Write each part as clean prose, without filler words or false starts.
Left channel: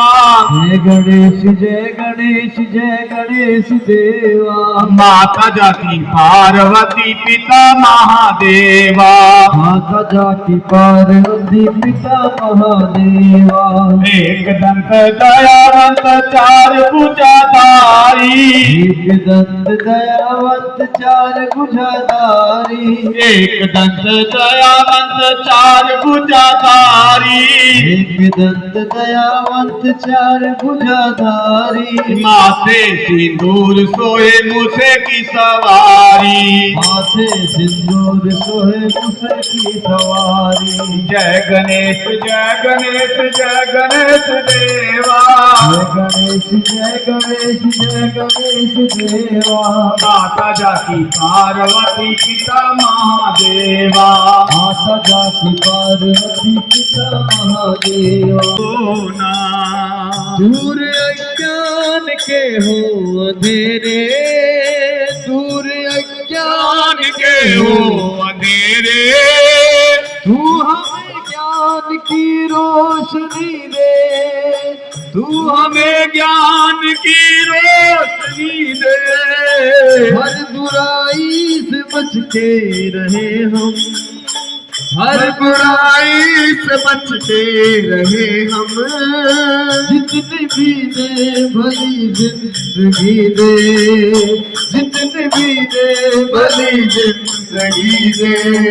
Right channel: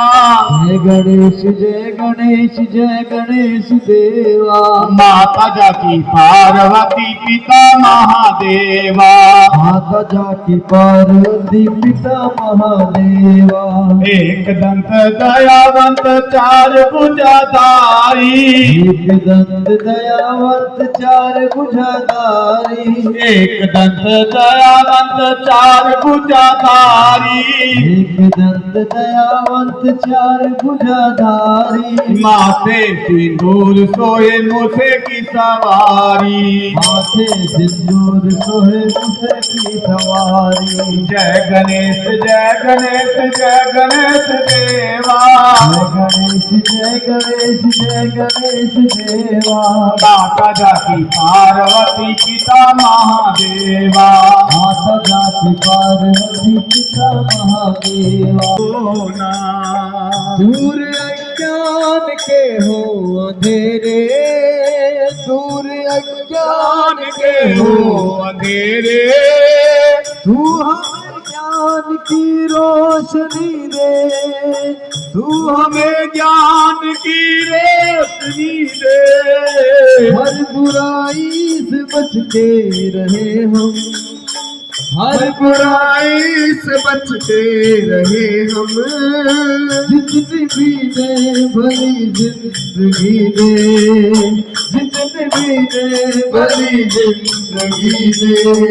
जय गणेश जय गणेश जय गणेश देवा। माता जाती पार्वती पिता महादेवा। माता जाती पार्वती पिता महादेवा। एक दंत दयावंत चार भुजाधारी। एक दंत दयावंत चार भुजाधारी। एक दंत दयावंत चार भुजाधारी। एक दंत दयावंत चार भुजाधारी। माथे सिंदूर सोए मूसे की सवारी। माथे सिंदूर सोहे मूसे की सवारी। जय गणेश जय गणेश जय गणेश देवा। जय गणेश जय गणेश जय गणेश देवा। माता जाती पार्वती पिता महादेवा। माता जाति पार्वती पिता महादेवा। दूर अज्ञान के हो अंधेरे। दूर अज्ञान के हो अंधेरे। तू हमें ज्ञान की रोशनी दे। तू हमें ज्ञान की रोशनी दे। हर बुराई से बच के रहे हम। हर बुराई से बच के रहे हम। जितनी भी दे भली जिंदगी दे। जितनी भी दे भली जिंदगी दे।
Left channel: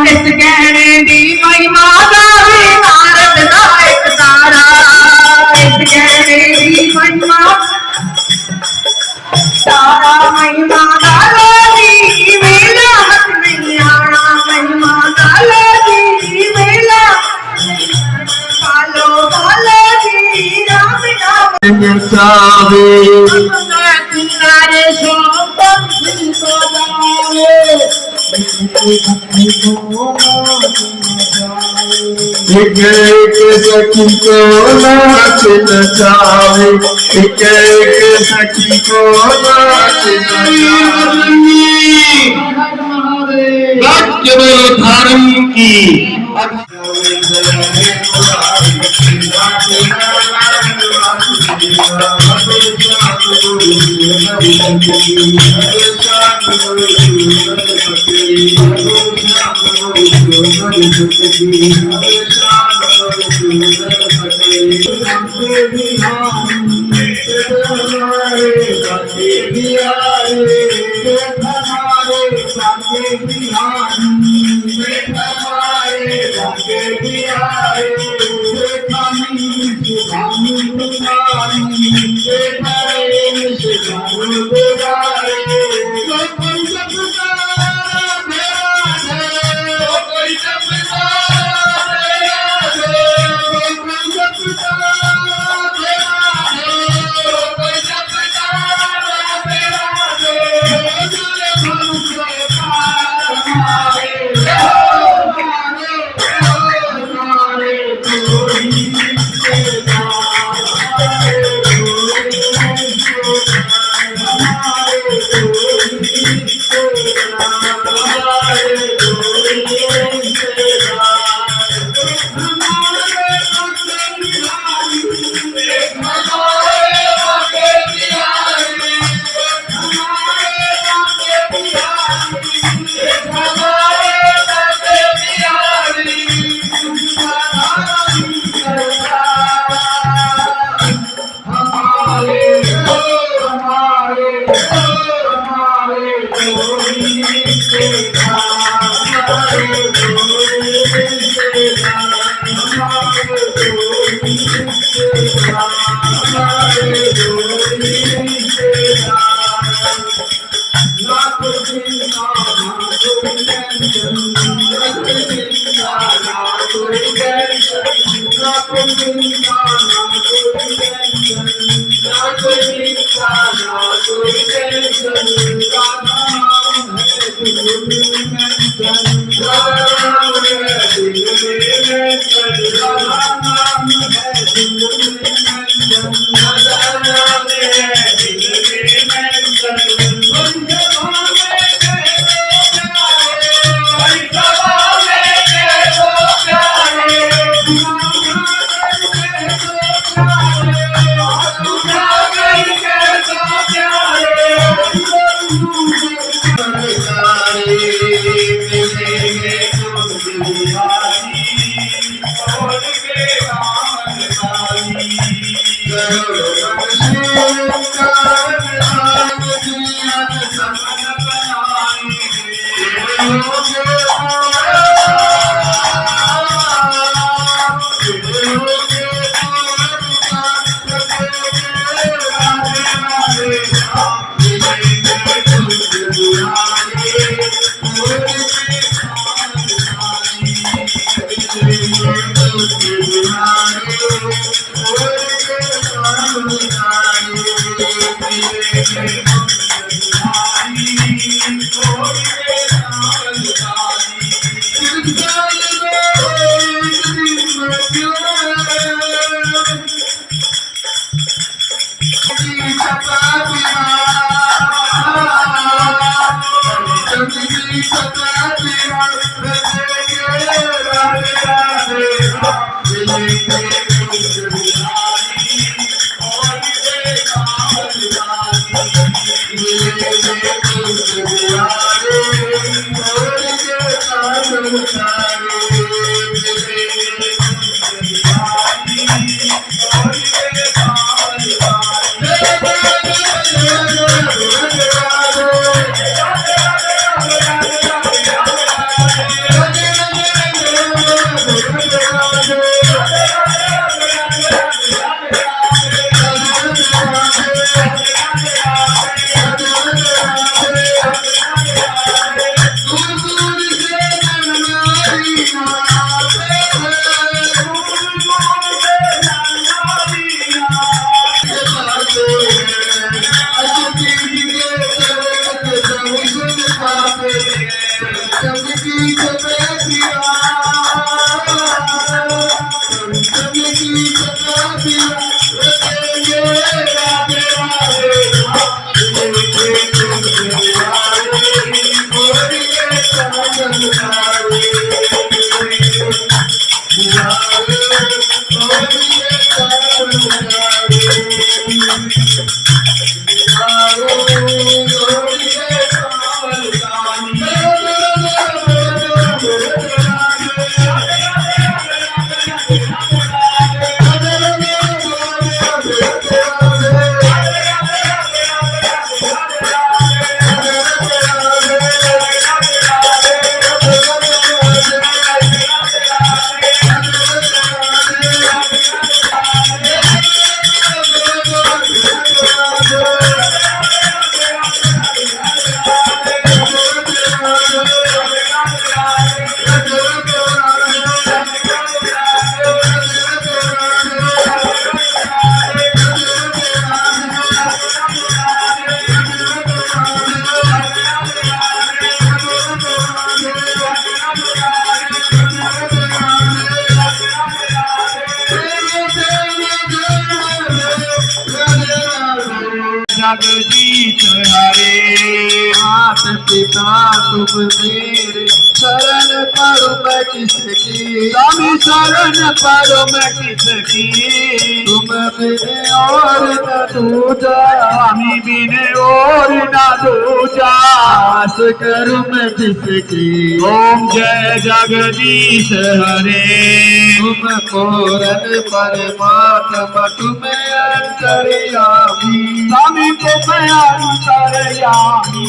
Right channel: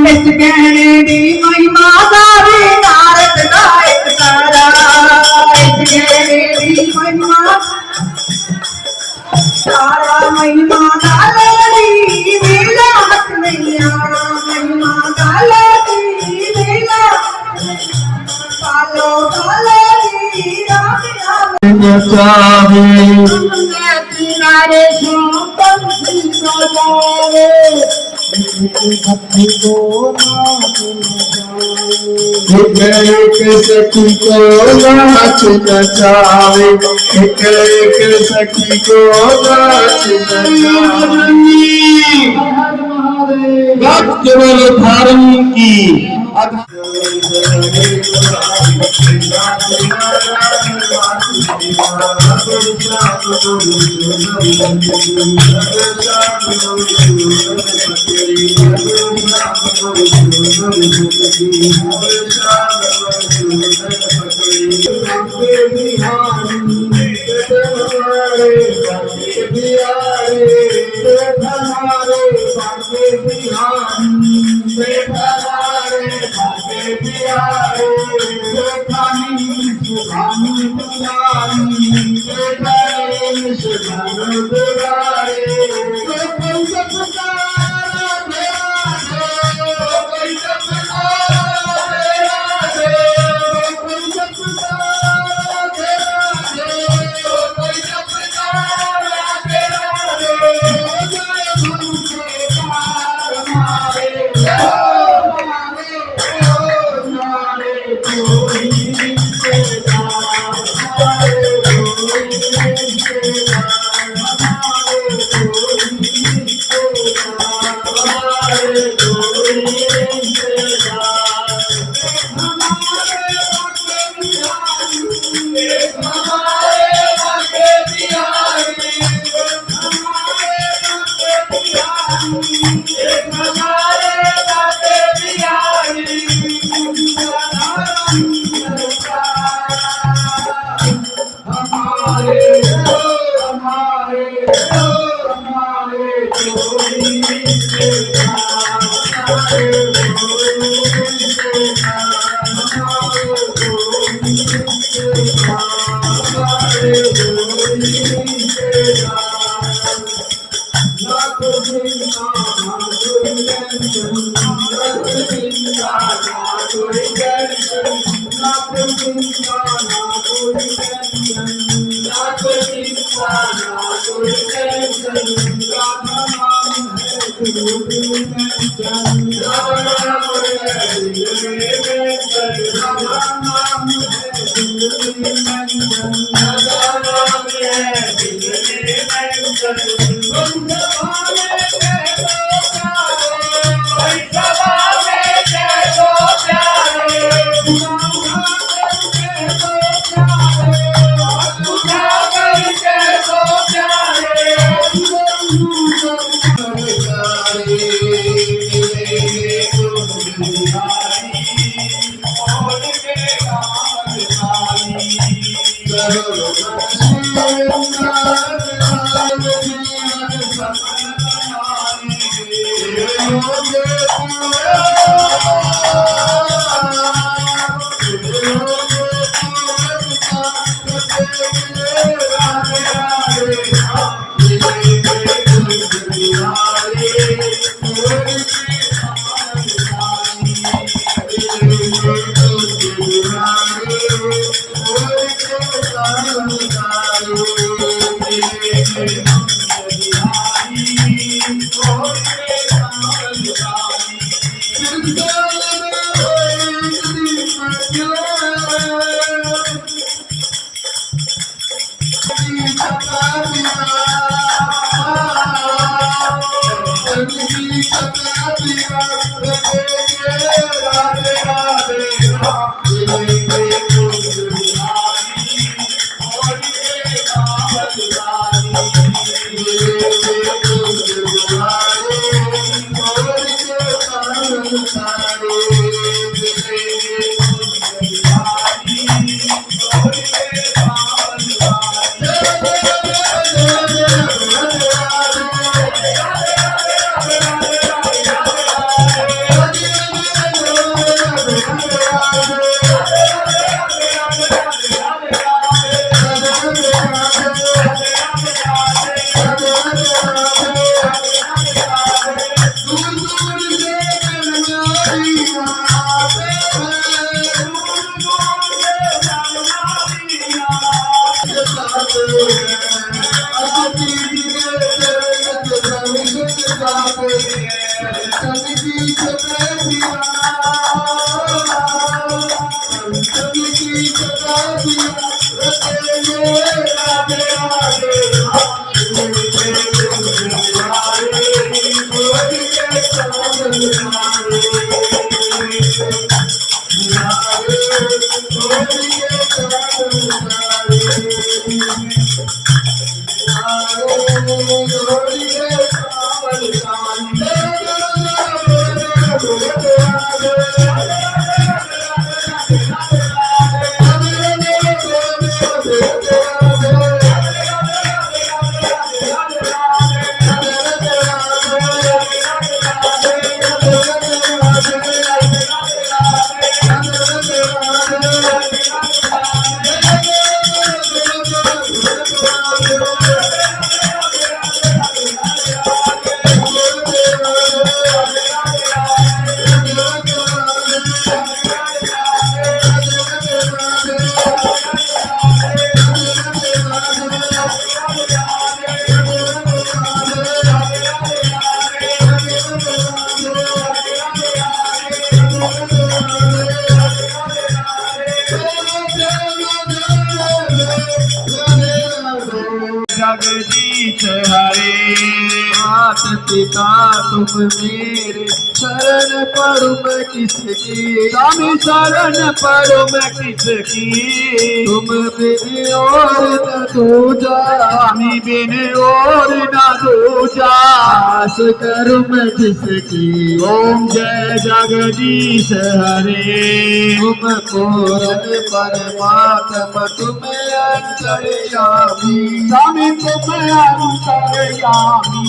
इस गहने दी महिमा गावे नारद नायक तारा। इस गहने दी महिमा तारा महिमा गालो दी मेला मत नहीं आना। महिमा गालो दी मेला पालो पालो दी राम राम चावे किनारे सोपम सिंह को जावे। भक्ति को एक सखी को नाच नचावे। एक सखी को नाच नचावे। केवल धर्म की जगदीश हरे मात पिता तुम मेरे शरण पड़ो मैं किसकी स्वामी शरण पड़ो मैं किसकी तुम बिन और न दूजा स्वामी बिन और न दूजा आस करूं मैं किसकी ओम जय जगदीश हरे तुम पूरन परमात्मा तुम अंतर्यामी स्वामी तुम अंतर्यामी।